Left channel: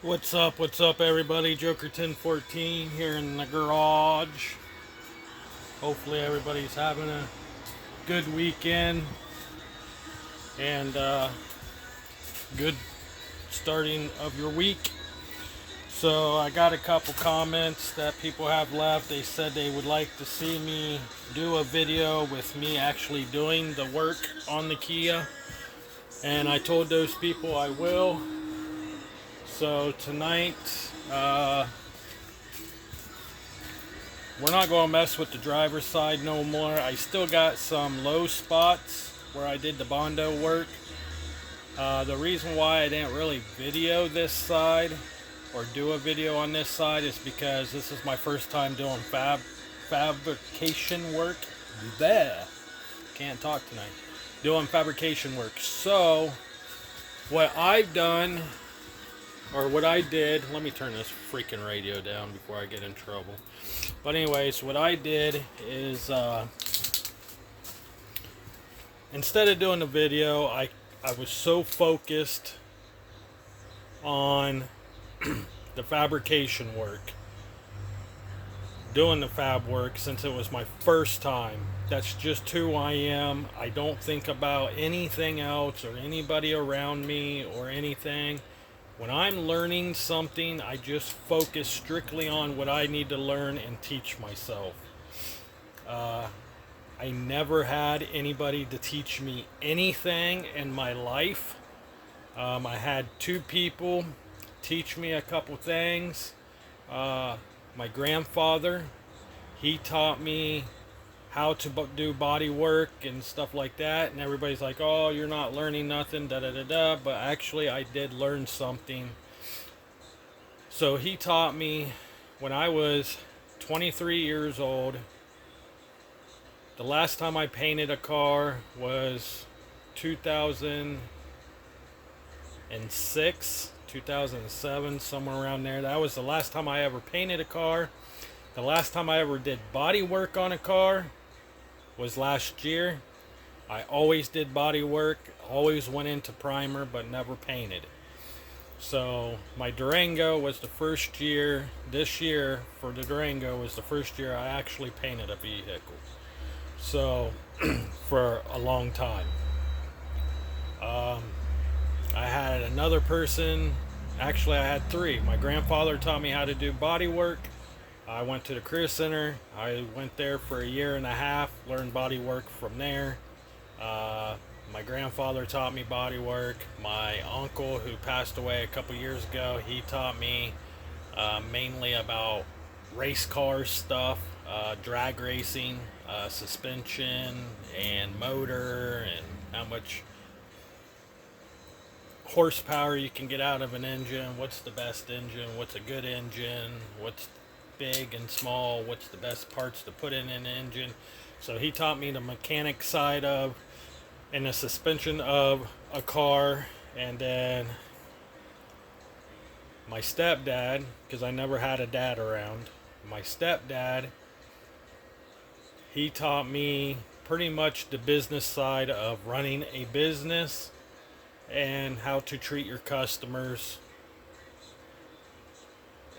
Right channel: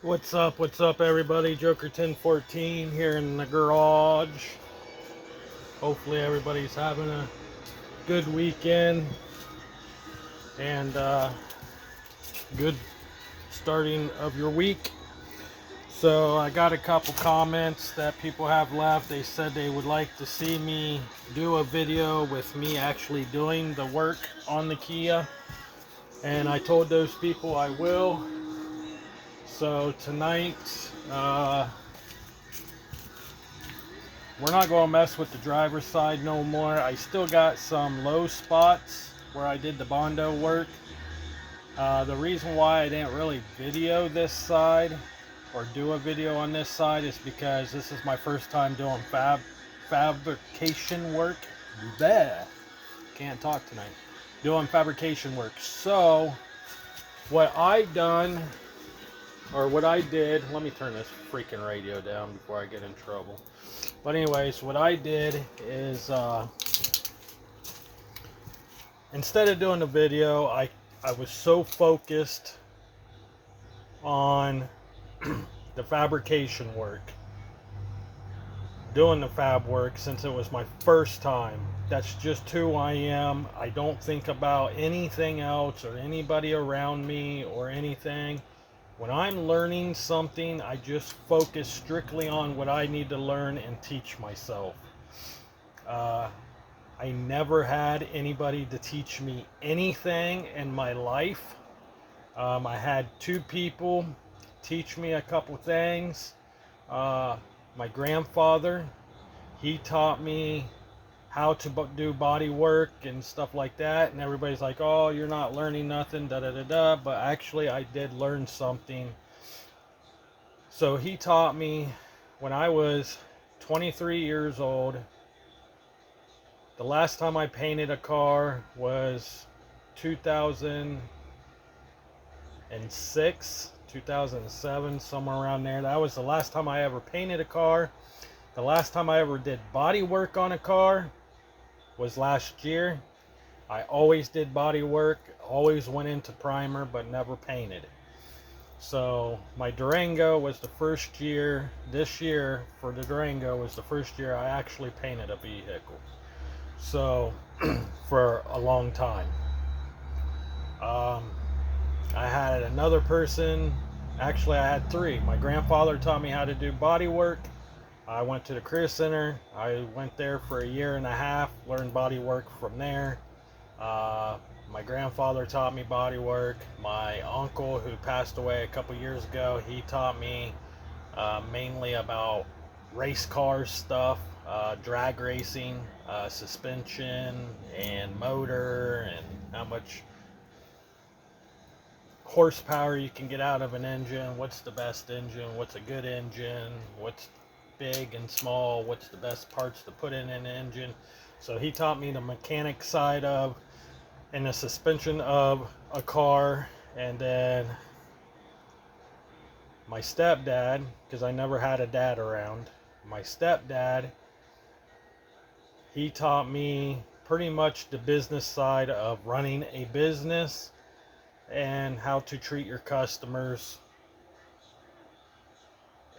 What's up, everybody? Joker 1014 here in the garage. Hopefully, everybody's having a good weekend and good starting of your week. So, I got a couple comments that people have left. They said they would like to see me do a video with me actually doing the work on the Kia, and I told those people I will. So, tonight, we're not going to mess with the driver's side no more. I still got some low spots where I did the Bondo work. The reason why I didn't really video this side or do a video on this side is because this is my first time doing fabrication work. Bleh. Can't talk tonight. Doing fabrication work. So what I've done, or what I did, let me turn this freaking radio down before I get in trouble. But anyways, what I did is instead of doing the video, I was so focused on the fabrication work, doing the fab work, since it was my first time. That's just who I am. I don't think about anything else or anybody around me or anything. When I'm learning something, I just focus strictly on what I need to learn and teach myself. I never had anybody to teach me anything in my life. I had two people teach me a couple things. My grandfather, he taught me how to do body work and stuff like that, and everybody's like, oh, you're not learning nothing, da da da da, but actually I did learn something. So he taught me when I was 23 years old. The last time I painted a car was 2006, 2007, somewhere around there. That was the last time I ever painted a car. The last time I ever did body work on a car was last year. I always did body work, always went into primer, but never painted. So my Durango was the first year, this year for the Durango was the first year I actually painted a vehicle. So for a long time. I had another person, actually I had three. My grandfather taught me how to do body work. I went to the career center. I went there for a year and a half, learned body work from there. My grandfather taught me body work. My uncle, who passed away a couple years ago, he taught me mainly about race car stuff, drag racing, suspension and motor, and how much horsepower you can get out of an engine, what's the best engine, what's a good engine, what's big and small, what's the best parts to put in an engine. So he taught me the mechanic side of and the suspension of a car. And then my stepdad, because I never had a dad around, my stepdad, he taught me pretty much the business side of running a business and how to treat your customers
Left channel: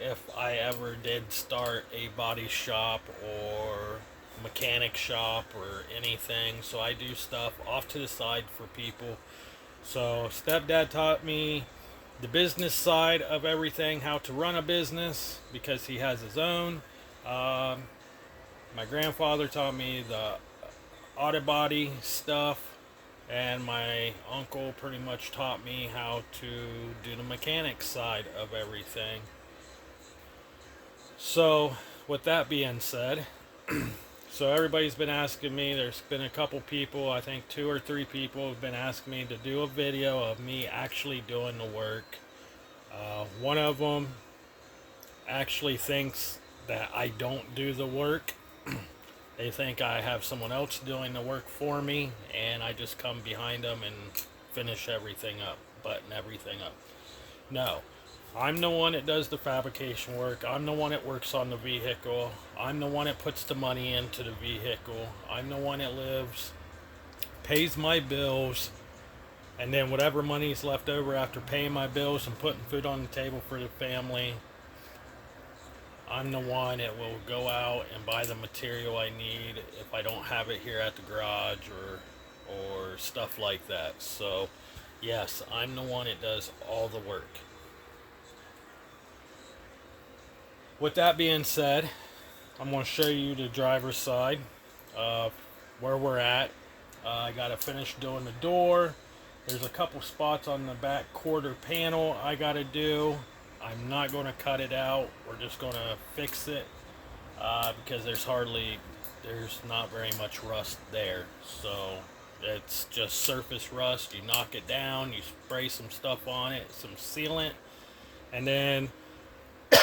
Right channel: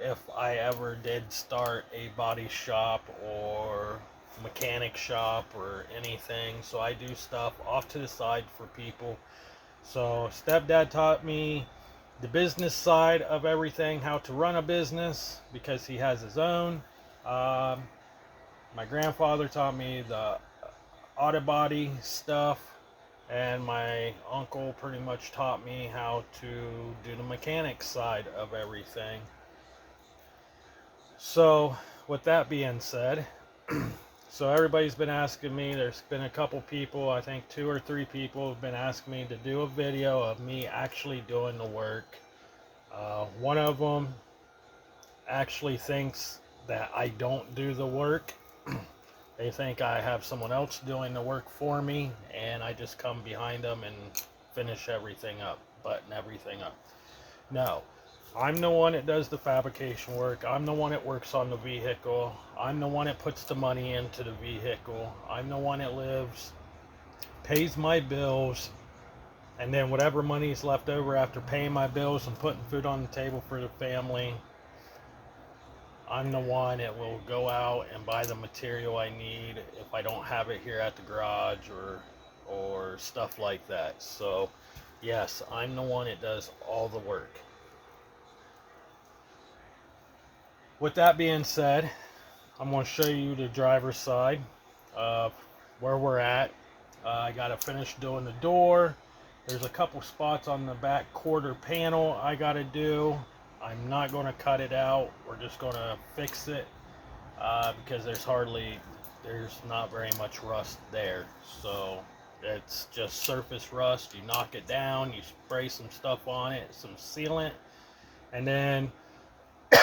if I ever did start a body shop or mechanic shop or anything. So I do stuff off to the side for people. So stepdad taught me the business side of everything, how to run a business, because he has his own. My grandfather taught me the auto body stuff, and my uncle pretty much taught me how to do the mechanic side of everything. So with that being said, so everybody's been asking me, there's been a couple people, I think 2 or 3 people have been asking me to do a video of me actually doing the work. One of them actually thinks that I don't do the work. They think I have someone else doing the work for me, and I just come behind them and finish everything up, button everything up. No, I'm the one that does the fabrication work. I'm the one that works on the vehicle. I'm the one that puts the money into the vehicle. I'm the one that lives, pays my bills, And then whatever money's left over after paying my bills and putting food on the table for the family, I'm the one that will go out and buy the material I need if I don't have it here at the garage or stuff like that. So yes, I'm the one that does all the work. With that being said, I'm going to show you the driver's side, where we're at. I got to finish doing the door. There's a couple spots on the back quarter panel I got to do. I'm not going to cut it out. We're just going to fix it because there's not very much rust there. So it's just surface rust. You knock it down, you spray some stuff on it, some sealant, and then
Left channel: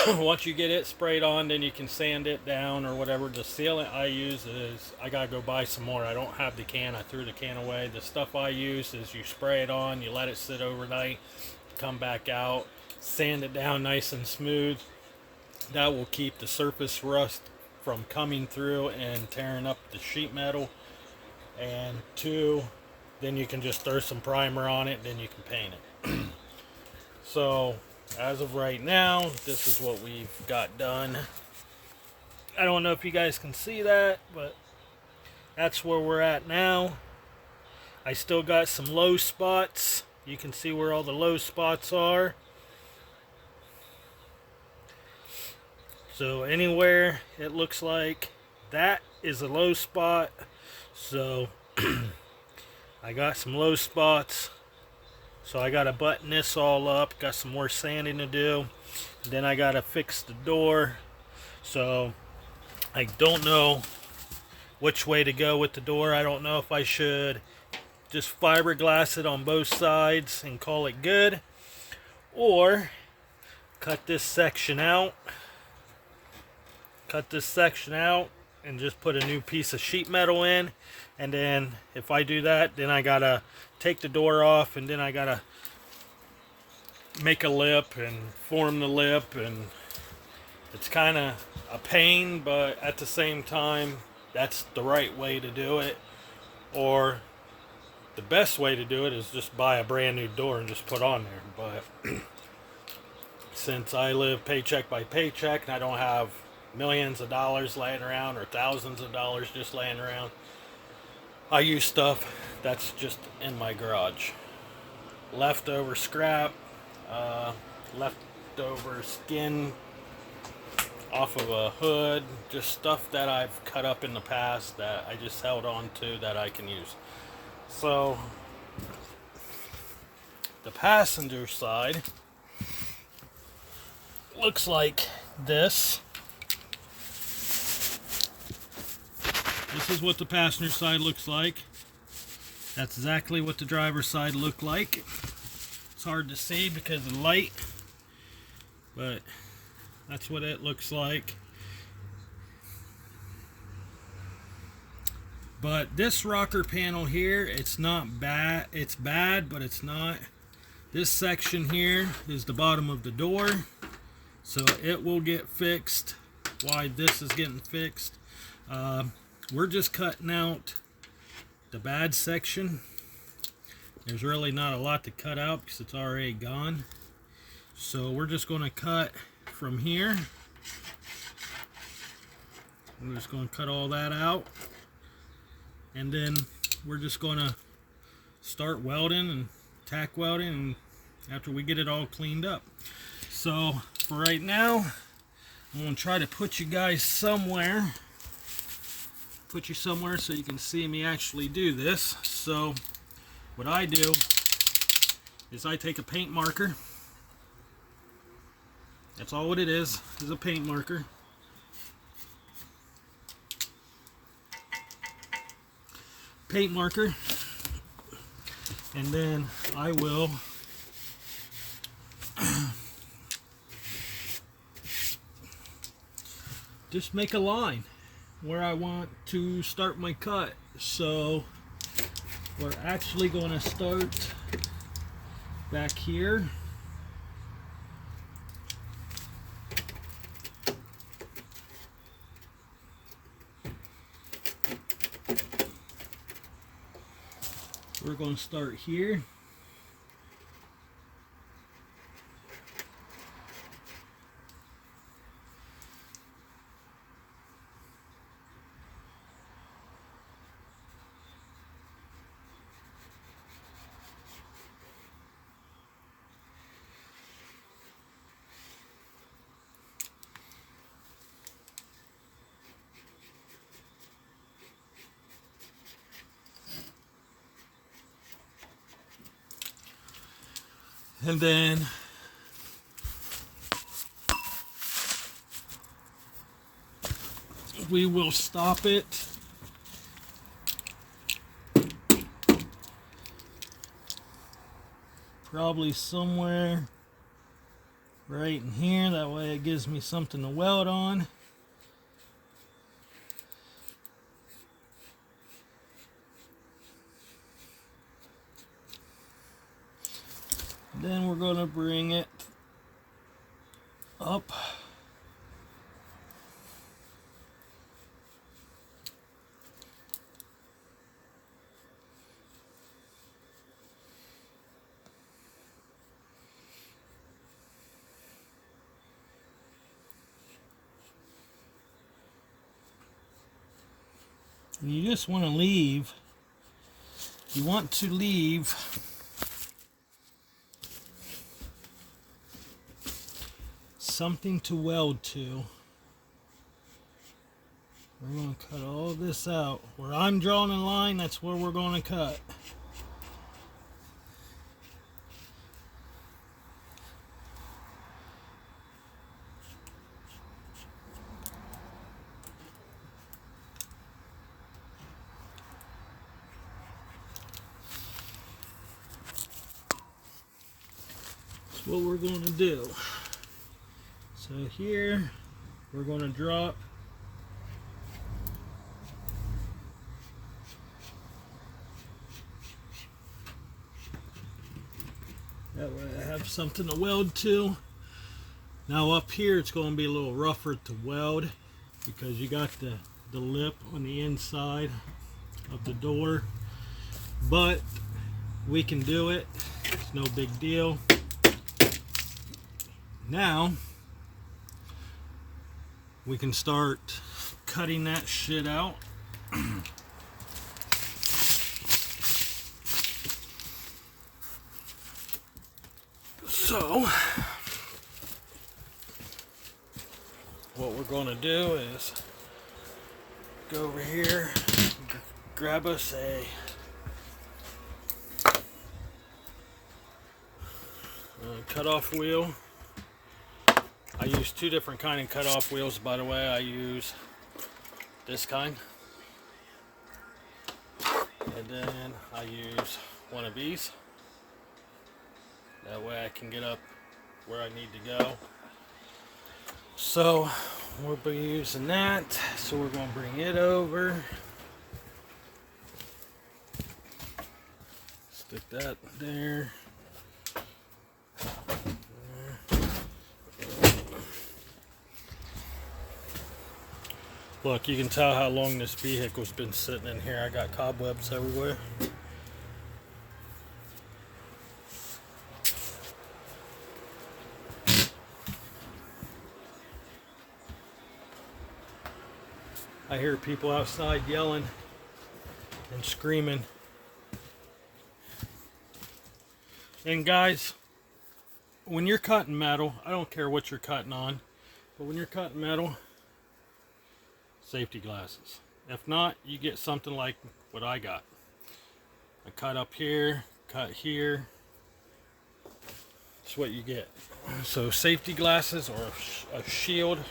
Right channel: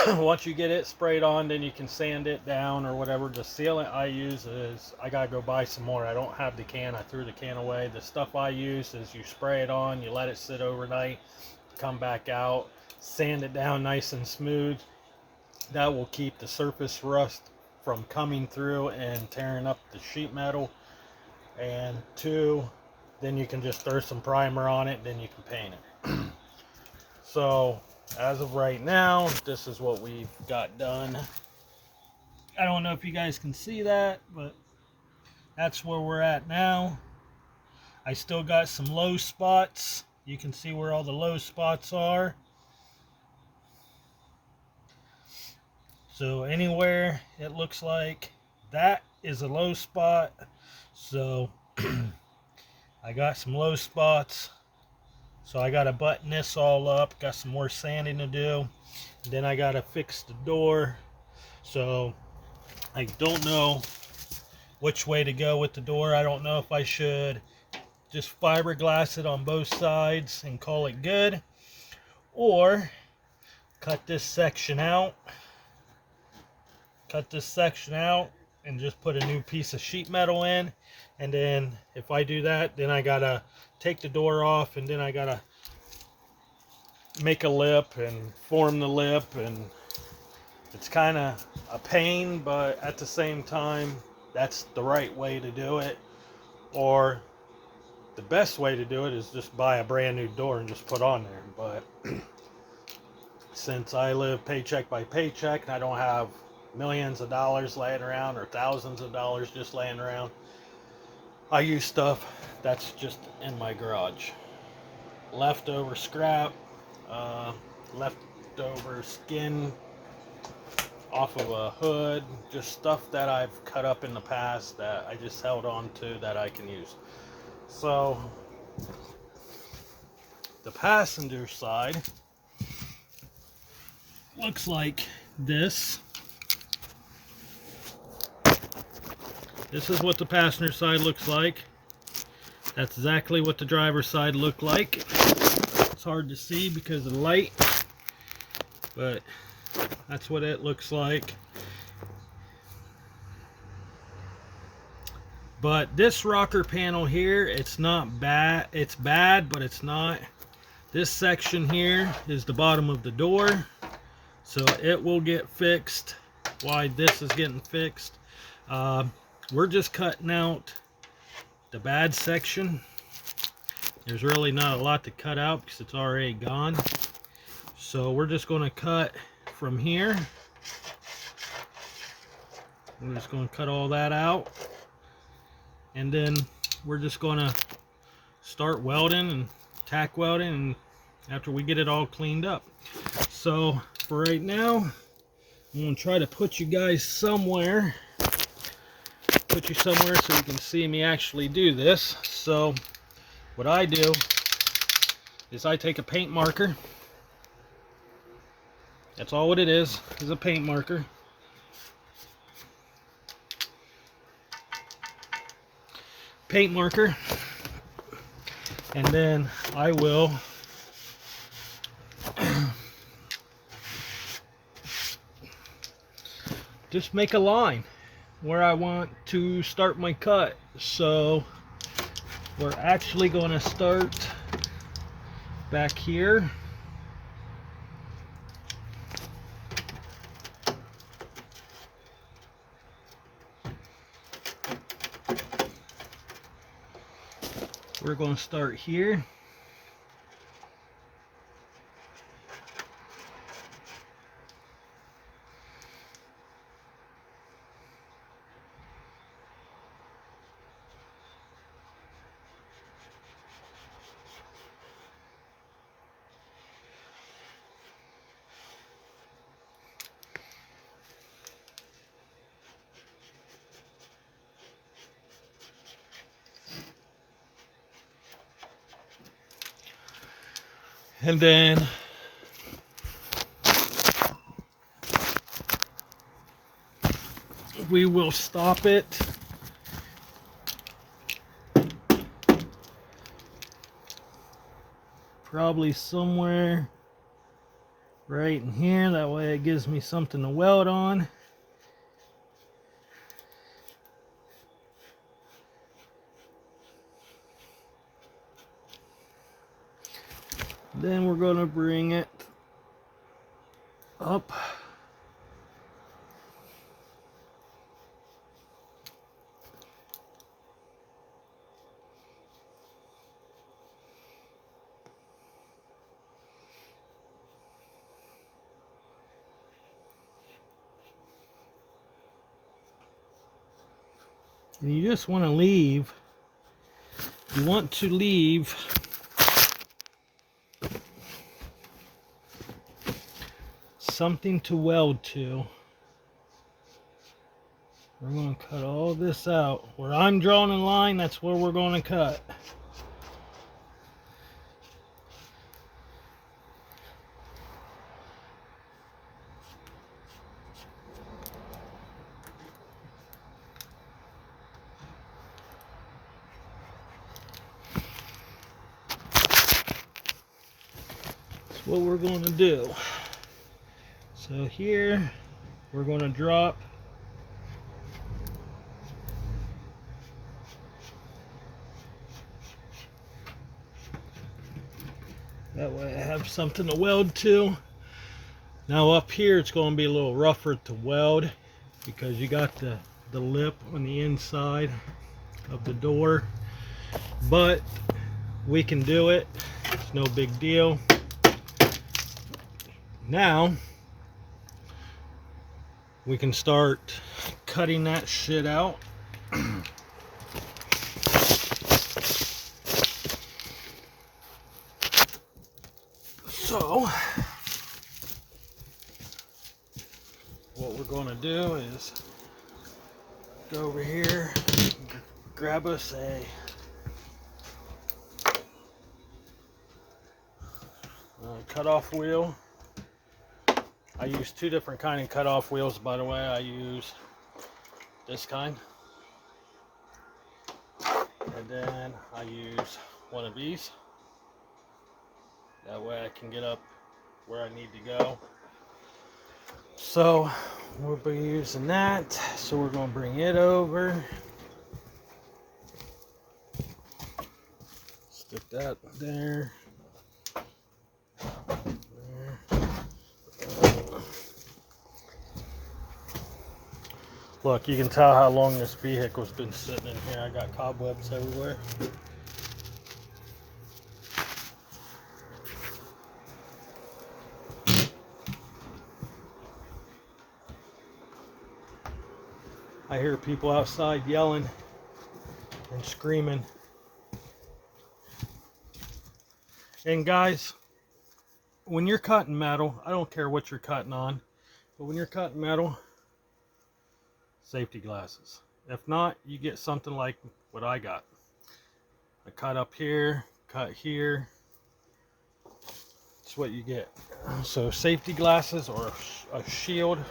once you get it sprayed on, then you can sand it down or whatever. The sealant I use is, I gotta go buy some more. I don't have the can. I threw the can away. The stuff I use is you spray it on, you let it sit overnight, come back out, sand it down nice and smooth. That will keep the surface rust from coming through and tearing up the sheet metal. And two, then you can just throw some primer on it, then you can paint it. So as of right now, this is what we've got done. I don't know if you guys can see that, but that's where we're at now. I still got some low spots. You can see where all the low spots are. So anywhere it looks like that is a low spot. So I got some low spots. So I got to button this all up. Got some more sanding to do. Then I got to fix the door. So I don't know which way to go with the door. I don't know if I should just fiberglass it on both sides and call it good, or cut this section out. Cut this section out and just put a new piece of sheet metal in. And then if I do that, then I gotta take the door off, and then I gotta make a lip and form the lip, and it's kind of a pain, but at the same time that's the right way to do it. Or the best way to do it is just buy a brand new door and just put on there. But since I live paycheck by paycheck and I don't have millions of dollars laying around or thousands of dollars just laying around, I use stuff that's just in my garage. Leftover scrap, leftover skin off of a hood, just stuff that I've cut up in the past that I just held on to that I can use. So the passenger side looks like this. This is what the passenger side looks like. That's exactly what the driver's side looked like. It's hard to see because of the light, but that's what it looks like. But this rocker panel here, it's not bad. It's bad, but it's not. This section here is the bottom of the door, so it will get fixed while this is getting fixed. We're just cutting out the bad section. There's really not a lot to cut out because it's already gone. So we're just going to cut from here. We're just going to cut all that out. And then we're just going to start welding and tack welding, and after we get it all cleaned up. So for right now, I'm going to try to put you guys somewhere. Put you somewhere so you can see me actually do this. So what I do is I take a paint marker. That's all what it is a paint marker. Paint marker. And then I will just make a line where I want to start my cut. So we're actually going to start back here. We're going to start here. And then we will stop it probably somewhere right in here. That way it gives me something to weld on. Then we're going to bring it up. And you just want to leave, something to weld to. We're going to cut all this out. Where I'm drawing a line, that's where we're going to cut. That's what we're going to do. So here, we're going to drop that way I have something to weld to. Now up here it's going to be a little rougher to weld because you got the lip on the inside of the door, but we can do it. It's no big deal. Now we can start cutting that shit out. So what we're going to do is go over here, grab us a cutoff wheel. I use two different kind of cutoff wheels, by the way. I use this kind, and then I use one of these. That way I can get up where I need to go. So we'll be using that. So we're going to bring it over. Let's get that there. Look, you can tell how long this vehicle's been sitting in here. I got cobwebs everywhere. I hear people outside yelling and screaming. And guys, when you're cutting metal, I don't care what you're cutting on, but when you're cutting metal, safety glasses. If not, you get something like what I got. I cut up here, cut here. That's what you get. So safety glasses or a shield.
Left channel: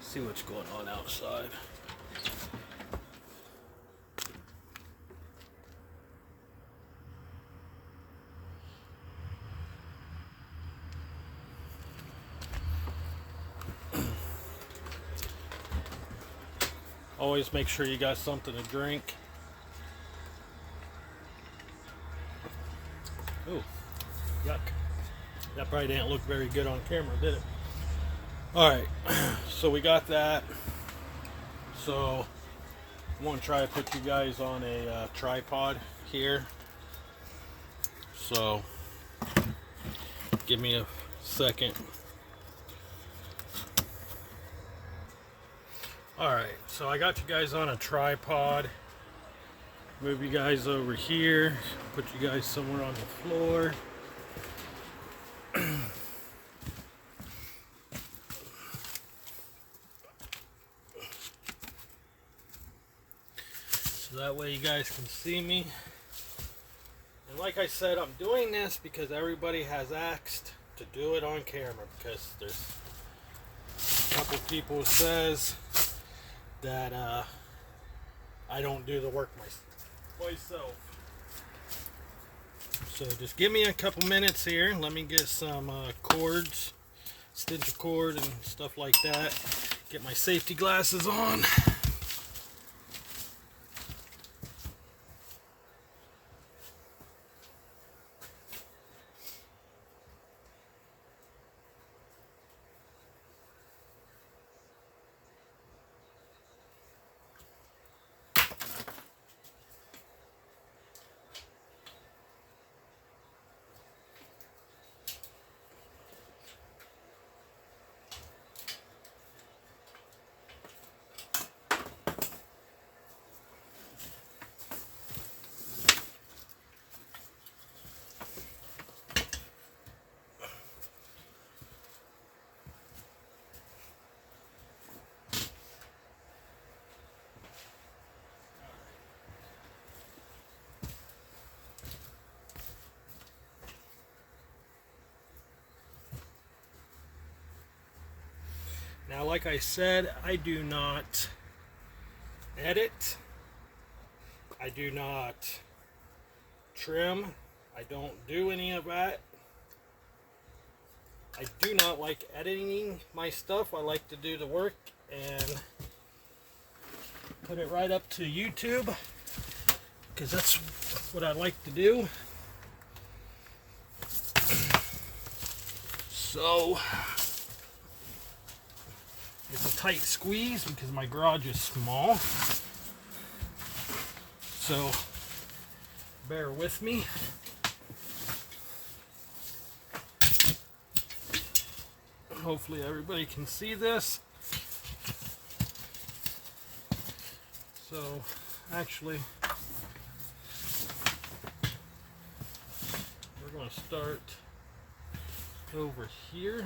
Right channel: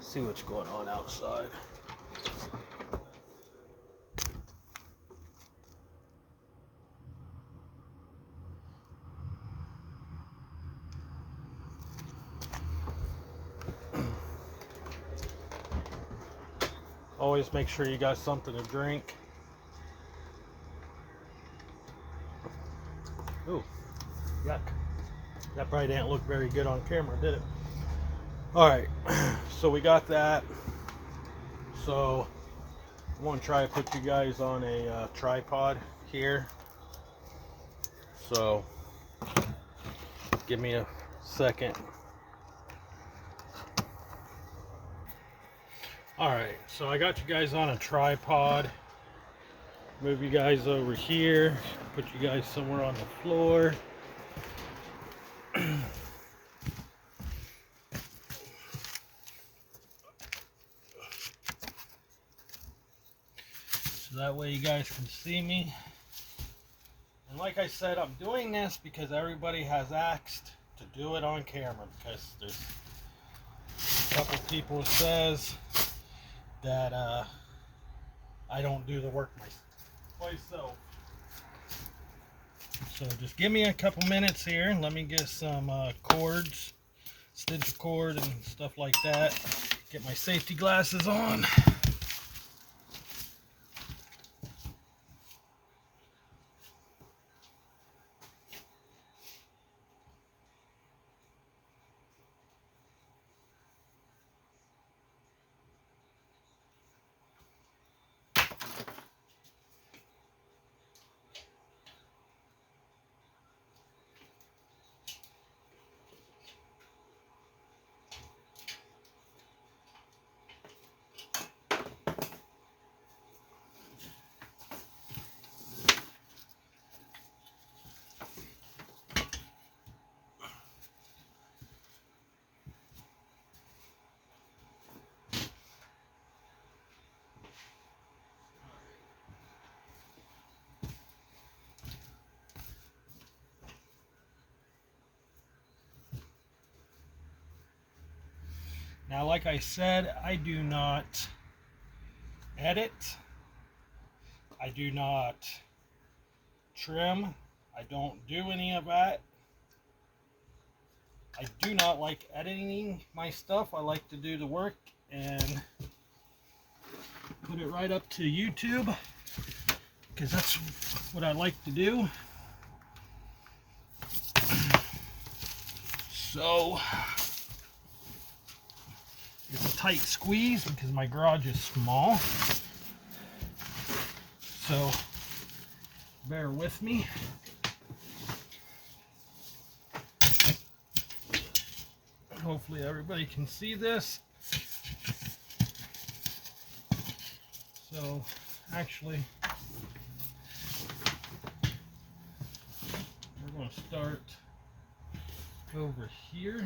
See what's going on outside. Always make sure you got something to drink. Ooh, yuck. That probably didn't look very good on camera, did it? Alright, so we got that. So I'm going to try to put you guys on a tripod here. So give me a second. Alright, so I got you guys on a tripod. Move you guys over here. Put you guys somewhere on the floor. So that way you guys can see me. And like I said, I'm doing this because everybody has asked to do it on camera, because there's a couple people who says that I don't do the work myself. So just give me a couple minutes here and let me get some cords, extension cord and stuff like that. Get my safety glasses on. Now, like I said, I do not edit. I do not trim. I don't do any of that. I do not like editing my stuff. I like to do the work and put it right up to YouTube, because that's what I like to do. So it's a tight squeeze because my garage is small. So bear with me. Hopefully everybody can see this. So actually, we're going to start over here.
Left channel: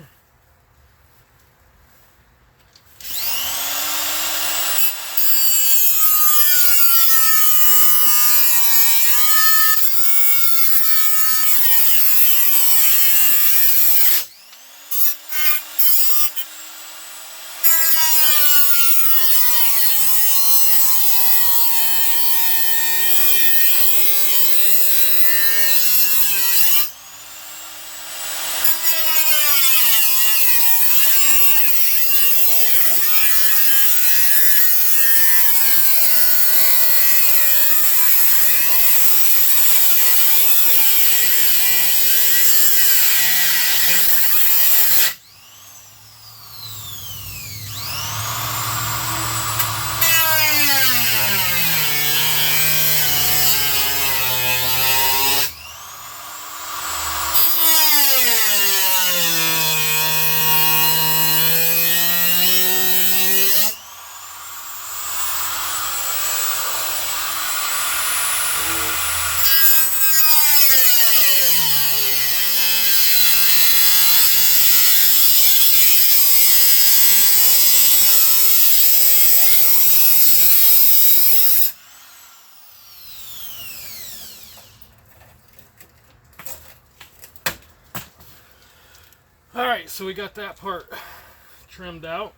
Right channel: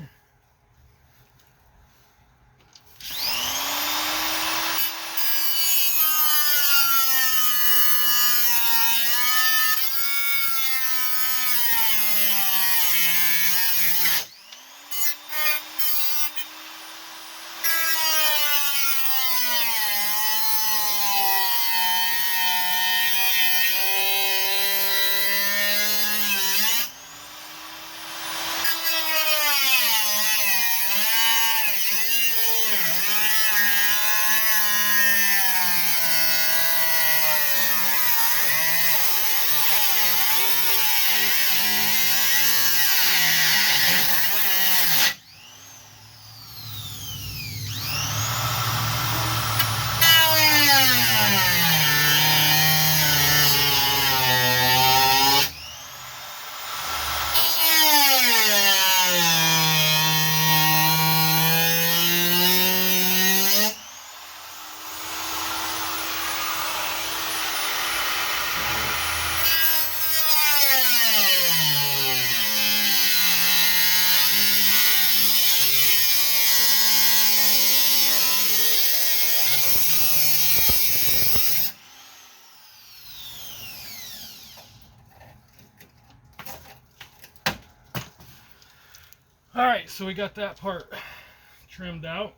Alright, so we got that part trimmed out.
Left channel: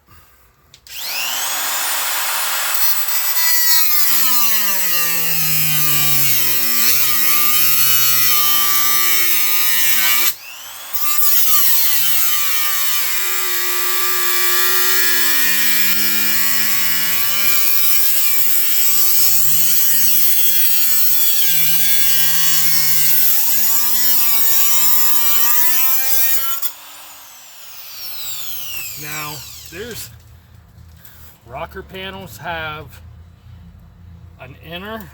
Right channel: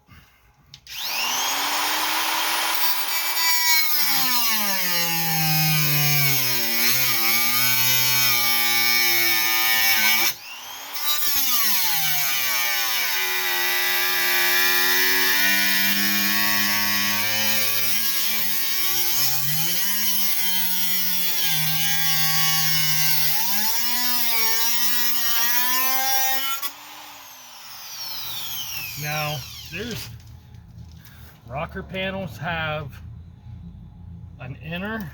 Now, there's rocker panels have an inner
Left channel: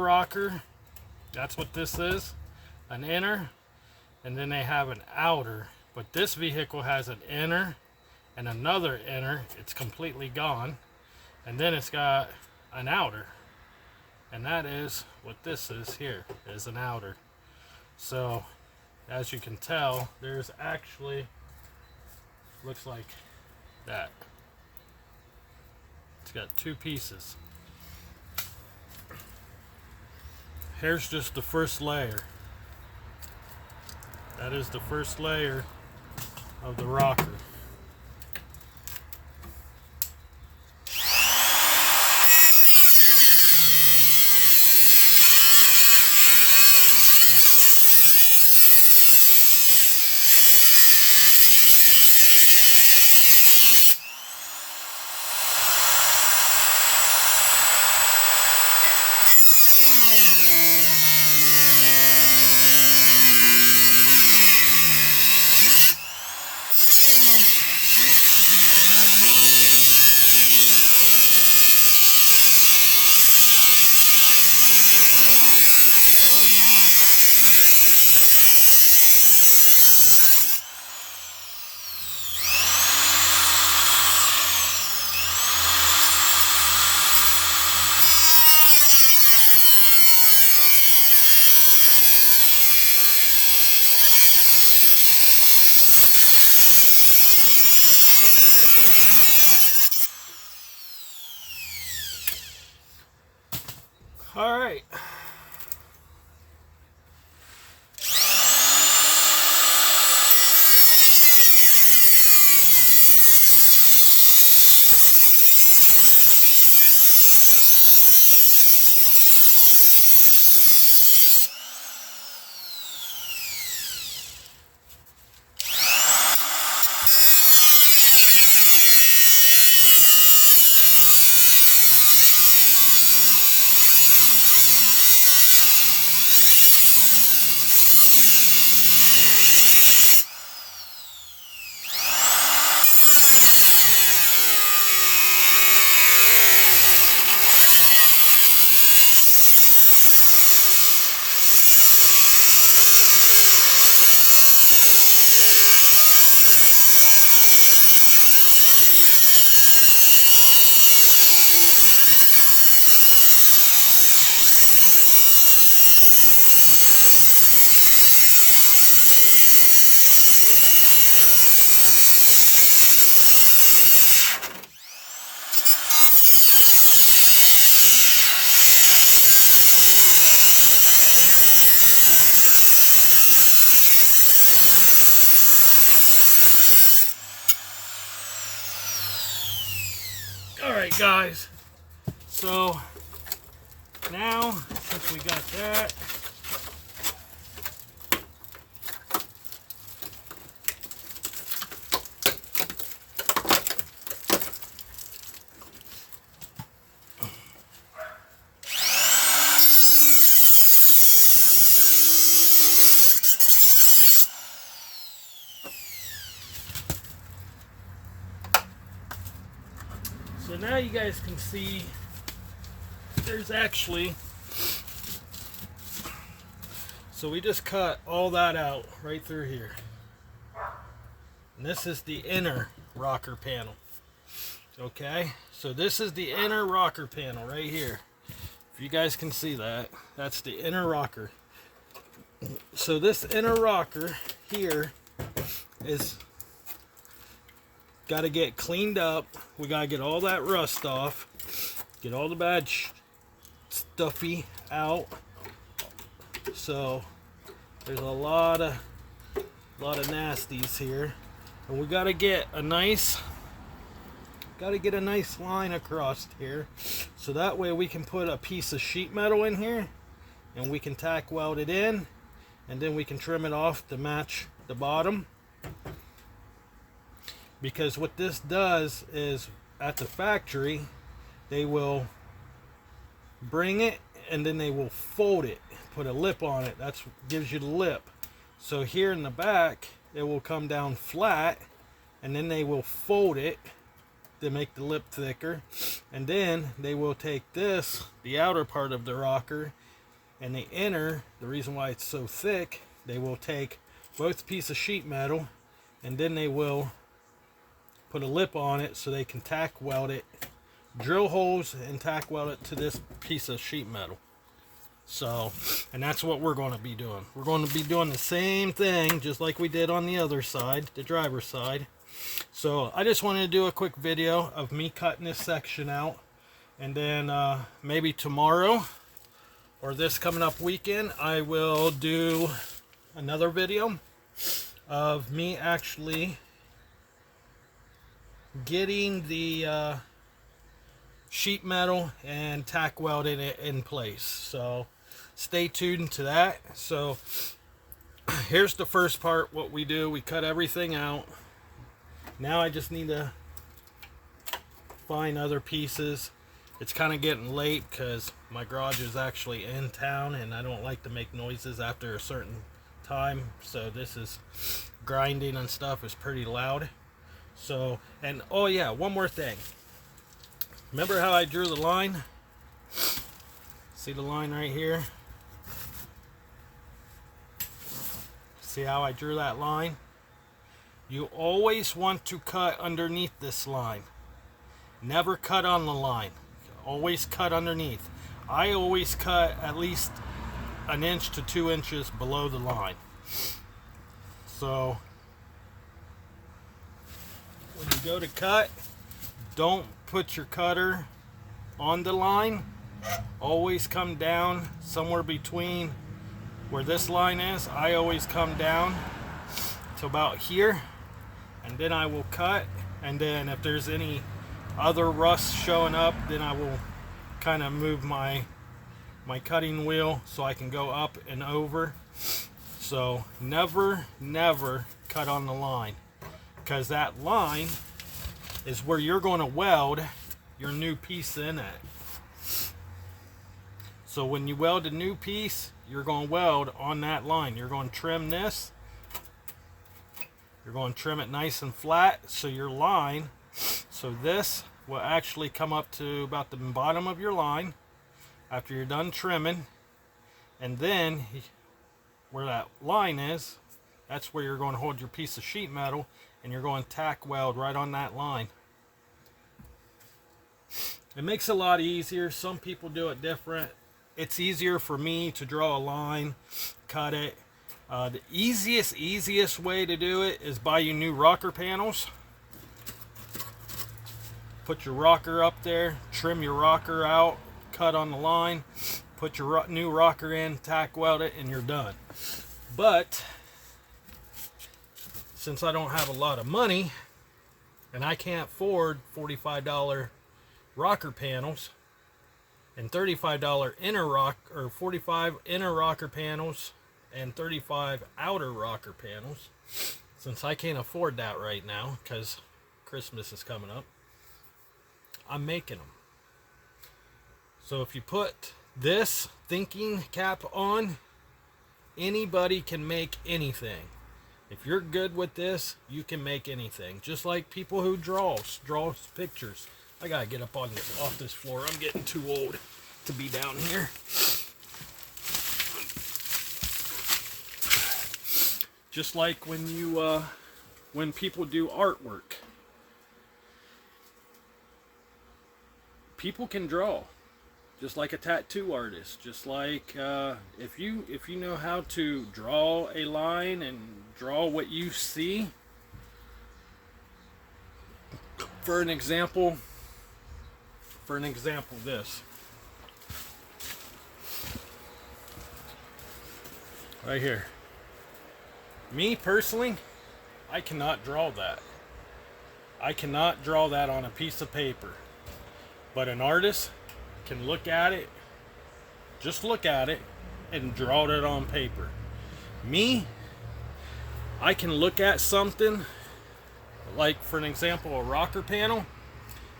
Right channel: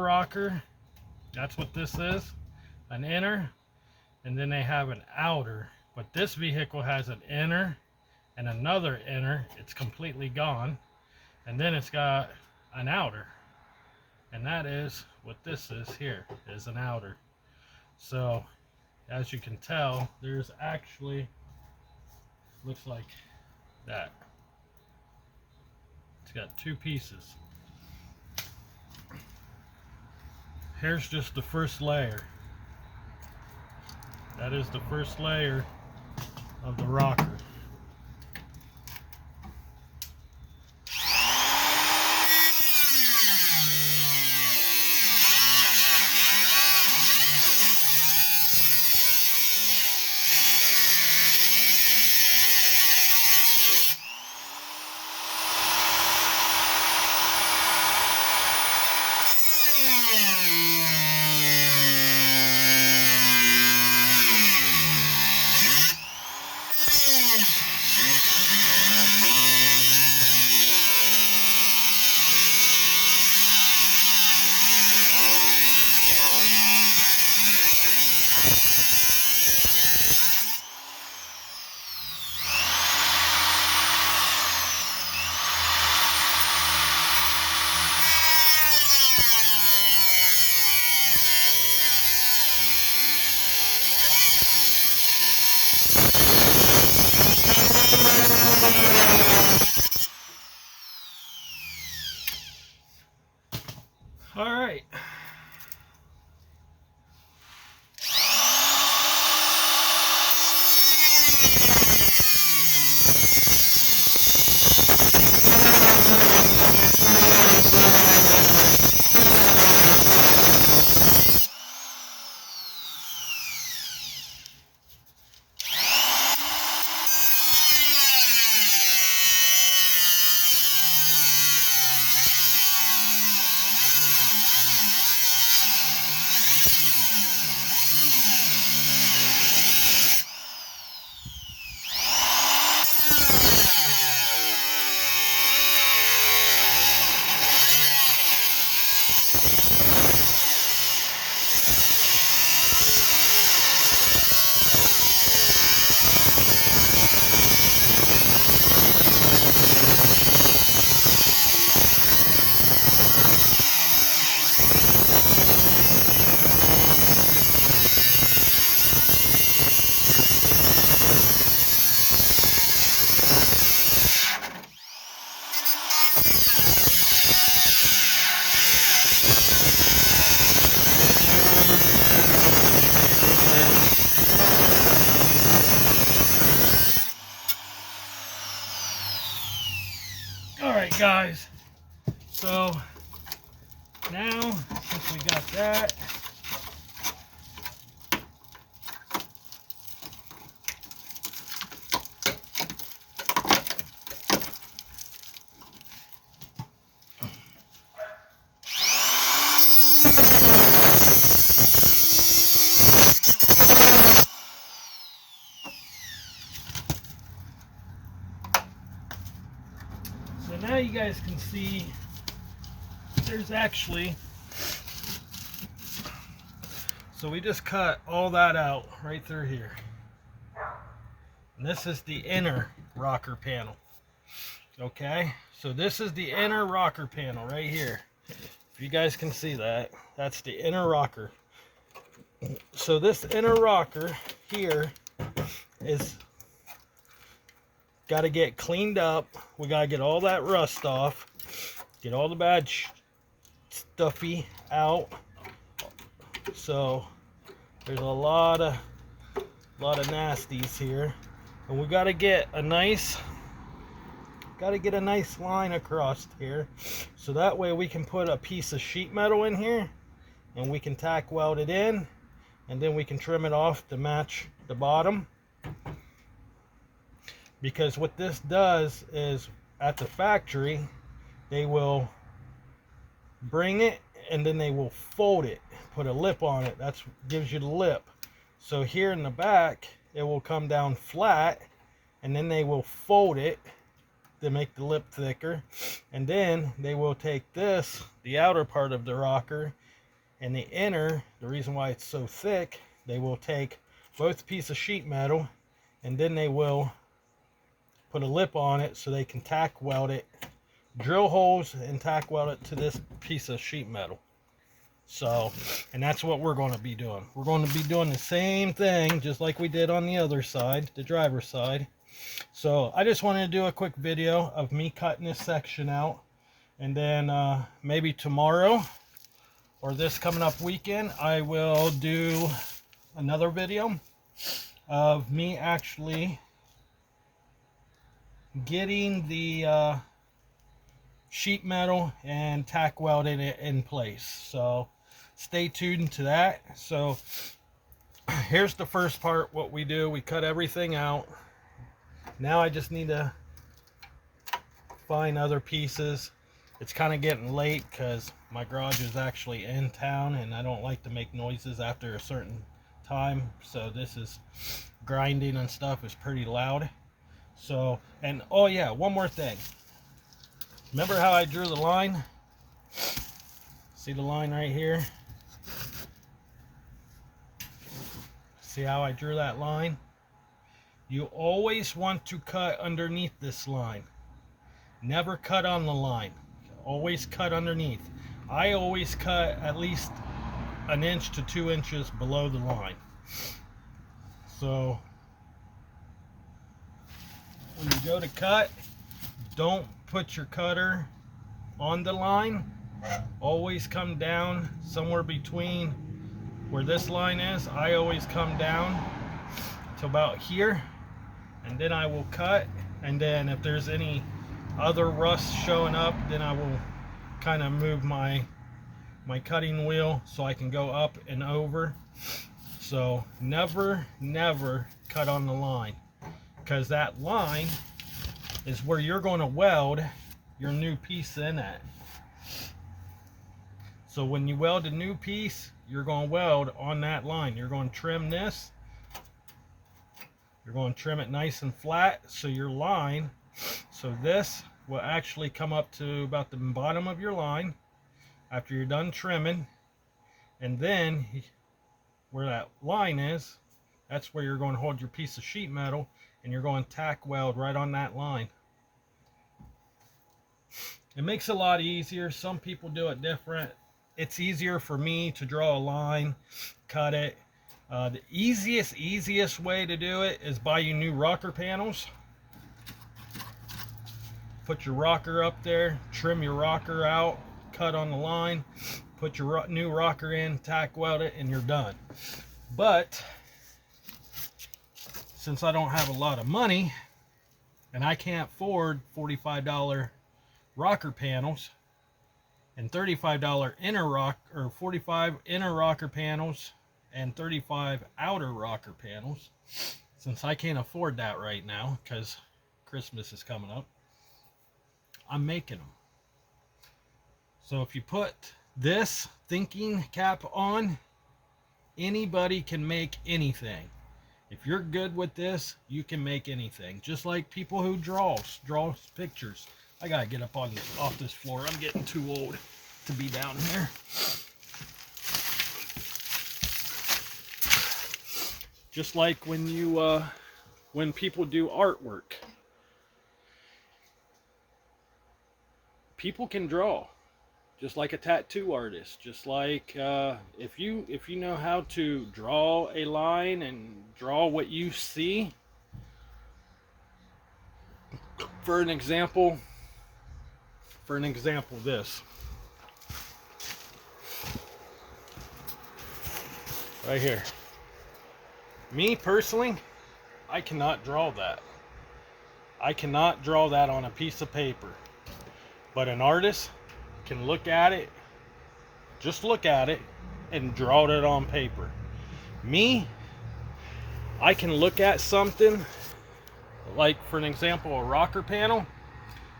rocker. That's what this is, an inner, and then they have an outer. But this vehicle has an inner and another inner. It's completely gone, and then it's got an outer, and that is what this is here, is an outer. So as you can tell, there's actually, looks like that. It's got two pieces. here's just the first layer. That is the first layer of the rocker. All right. Alright guys, so now since we got that, so now you guys can see there's actually, so we just cut all that out right through here. And this is the inner rocker panel. Okay, so this is the inner rocker panel right here. If you guys can see that, that's the inner rocker. So this inner rocker here is got to get cleaned up. We got to get all that rust off, get all the bad stuffy out. So there's a lot of nasties here, and we got to get a nice line across here, so that way we can put a piece of sheet metal in here and we can tack weld it in, and then we can trim it off to match the bottom. Because what this does is, at the factory, they will bring it and then they will fold it, put a lip on it. That's what gives you the lip. So here in the back, it will come down flat, and then they will fold it to make the lip thicker. And then they will take this, the outer part of the rocker, and the inner, the reason why it's so thick, they will take both pieces of sheet metal, and then they will put a lip on it so they can tack weld it, drill holes and tack weld it to this piece of sheet metal. So, and that's what we're going to be doing. We're going to be doing the same thing just like we did on the other side, the driver's side. So I just wanted to do a quick video of me cutting this section out, and then maybe tomorrow or this coming up weekend, I will do another video of me actually getting the sheet metal and tack welding it in place. So stay tuned to that. So here's the first part. What we do, we cut everything out. Now I just need to find other pieces. It's kind of getting late because my garage is actually in town and I don't like to make noises after a certain time. So this is grinding and stuff is pretty loud. So, and oh yeah, one more thing. Remember how I drew the line? See the line right here? See how I drew that line? You always want to cut underneath this line. Never cut on the line. Always cut underneath. I always cut at least 1 inch to 2 inches below the line. So when you go to cut, don't put your cutter on the line. Always come down somewhere between where this line is. I always come down to about here, and then I will cut. And then if there's any other rust showing up, then I will kind of move my cutting wheel so I can go up and over. So never cut on the line, because that line is where you're going to weld your new piece in at. So when you weld a new piece, you're going to weld on that line. You're going to trim this. You're going to trim it nice and flat, so your line, so this will actually come up to about the bottom of your line after you're done trimming. And then where that line is, that's where you're going to hold your piece of sheet metal, and you're going to tack weld right on that line. It makes it a lot easier. Some people do it different. It's easier for me to draw a line, cut it. The easiest way to do it is buy you new rocker panels. Put your rocker up there, trim your rocker out, cut on the line, put your new rocker in, tack weld it, and you're done. But since I don't have a lot of money and I can't afford $45 rocker panels and $35 inner rock, or 45 inner rocker panels and 35 outer rocker panels, since I can't afford that right now because Christmas is coming up, I'm making them. So if you put this thinking cap on, anybody can make anything. If you're good with this, you can make anything. Just like people who draws pictures. I gotta get up off this floor. I'm getting too old to be down here. Just like when you when people do artwork, people can draw, just like a tattoo artist. Just like if you know how to draw a line and draw what you see. For an example, this right here. Me personally, I cannot draw that. I cannot draw that on a piece of paper. But an artist can look at it, just look at it, and draw it on paper. Me, I can look at something, like for an example, a rocker panel,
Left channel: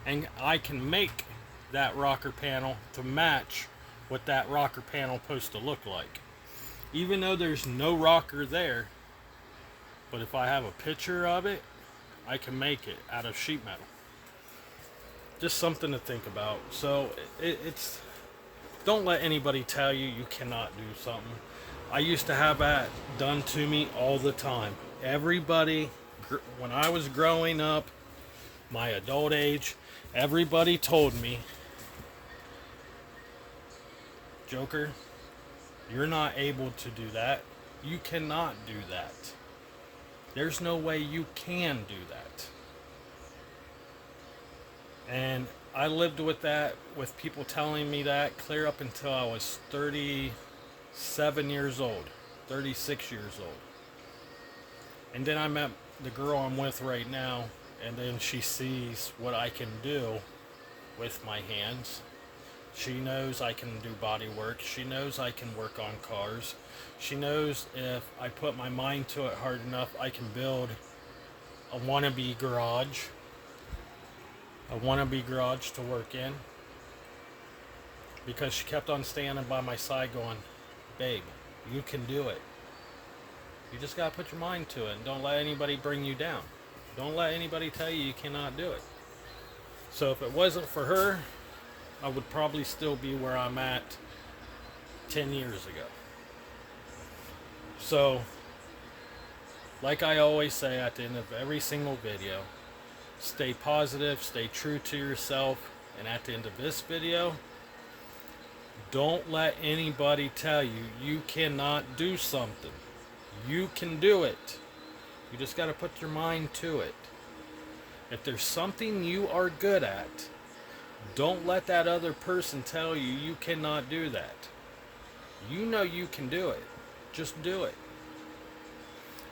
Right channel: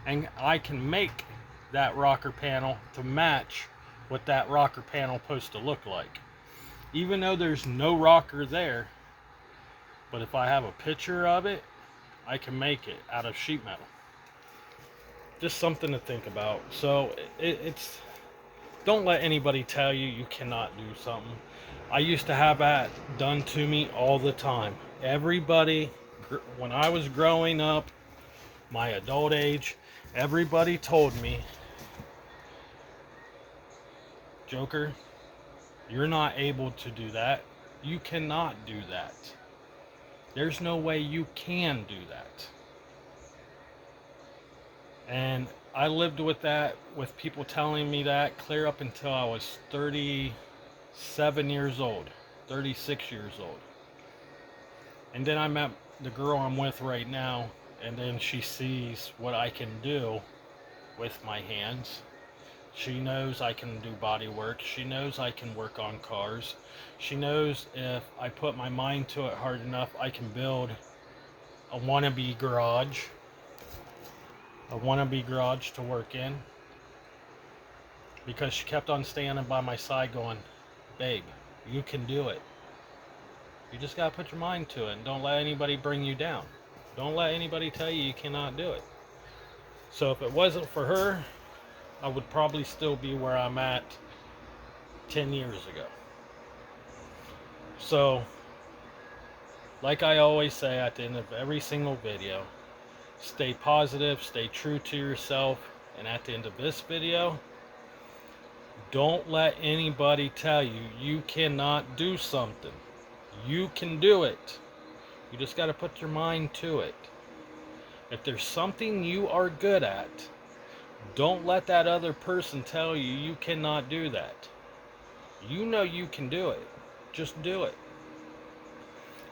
and I can make that rocker panel to match what that rocker panel is supposed to look like. Even though there's no rocker there, but if I have a picture of it, I can make it out of sheet metal. Just something to think about. So it's don't let anybody tell you you cannot do something. I used to have that done to me all the time. Everybody, when I was growing up, my adult age, everybody told me, Joker, you're not able to do that. You cannot do that. There's no way you can do that. And I lived with that, with people telling me that clear up until I was 37 years old, 36 years old. And then I met the girl I'm with right now, and then she sees what I can do with my hands. She knows I can do body work. She knows I can work on cars. She knows if I put my mind to it hard enough, I can build a wannabe garage. A wannabe garage to work in. Because she kept on standing by my side going, babe, you can do it. You just gotta put your mind to it and don't let anybody bring you down. Don't let anybody tell you cannot do it. So if it wasn't for her, I would probably still be where I'm at 10 years ago. So, like I always say at the end of every single video, stay positive, stay true to yourself, and at the end of this video, don't let anybody tell you you cannot do something. You can do it. You just got to put your mind to it. If there's something you are good at, don't let that other person tell you you cannot do that. You know you can do it. Just do it.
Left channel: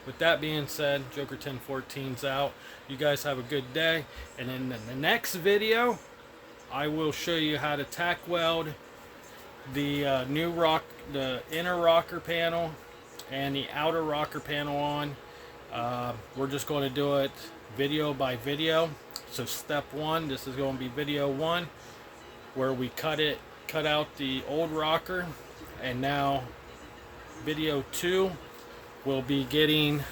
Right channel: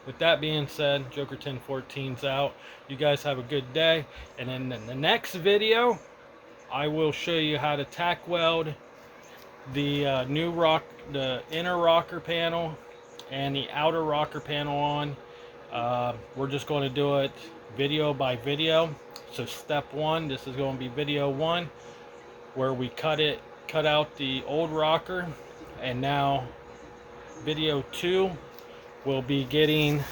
With that being said, Joker 1014's out. You guys have a good day. And in the next video, I will show you how to tack weld the the inner rocker panel and the outer rocker panel on. We're just going to do it video by video. So step one, this is going to be video one, where we cut out the old rocker, and now video two will be getting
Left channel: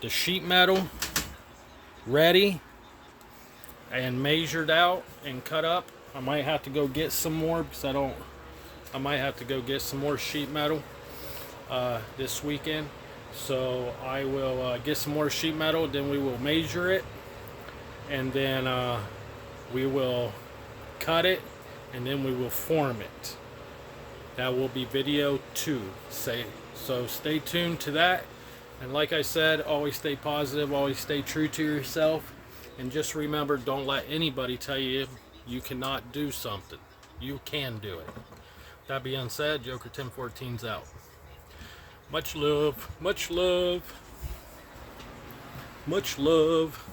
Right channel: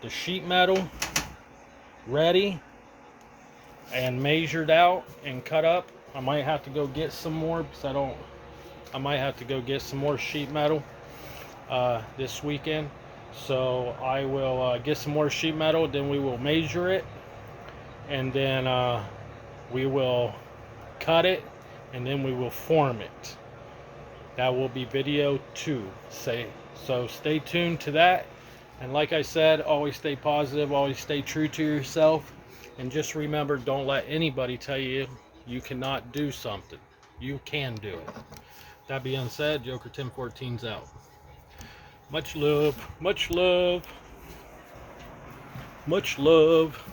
the sheet metal ready and measured out and cut up. I might have to go get some more because I might have to go get some more sheet metal this weekend. So I will get some more sheet metal, then we will measure it, and then we will cut it, and then we will form it. That will be video two. So stay tuned to that. And like I said, always stay positive, always stay true to yourself, and just remember, don't let anybody tell you you cannot do something. You can do it. That being said, Joker 1014's out. Much love, much love, much love.